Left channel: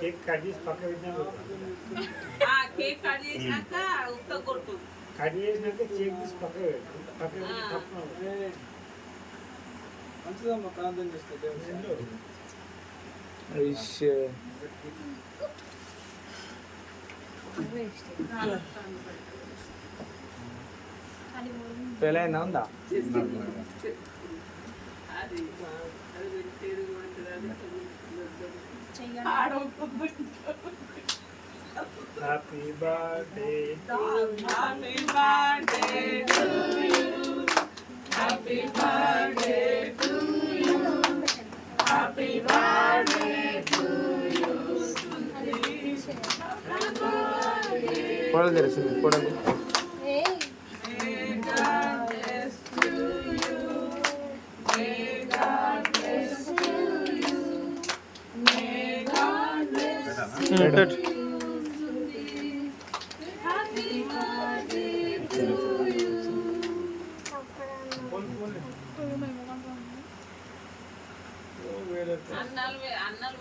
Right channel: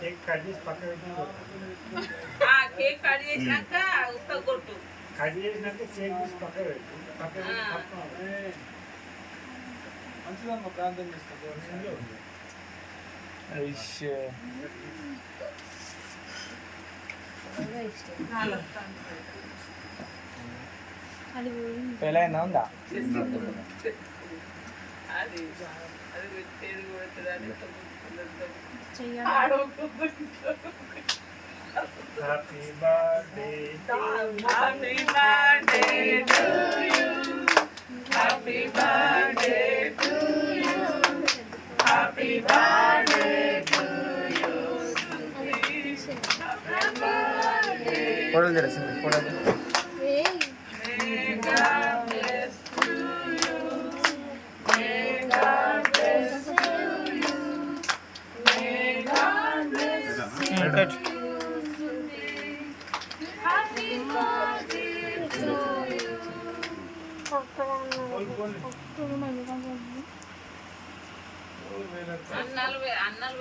Cake cut చేసి పక్క పెట్టినా కేక్ కట్ చేసినాక ఉత్త కొట్టు. కట్ చేసినాక కేక్ తీసి పక్క పెట్టు. పక్క పెట్టి తప్ప మంచిదమ్మ ప్రాంతం చేస్తుంది. పెళ్ళైందా ఉందా? అది పెట్టేది happy birthday happy birthday to you happy birthday to you happy birthday to you ఫోటోలు తెరిచింది ఫోటోలు అన్నాలు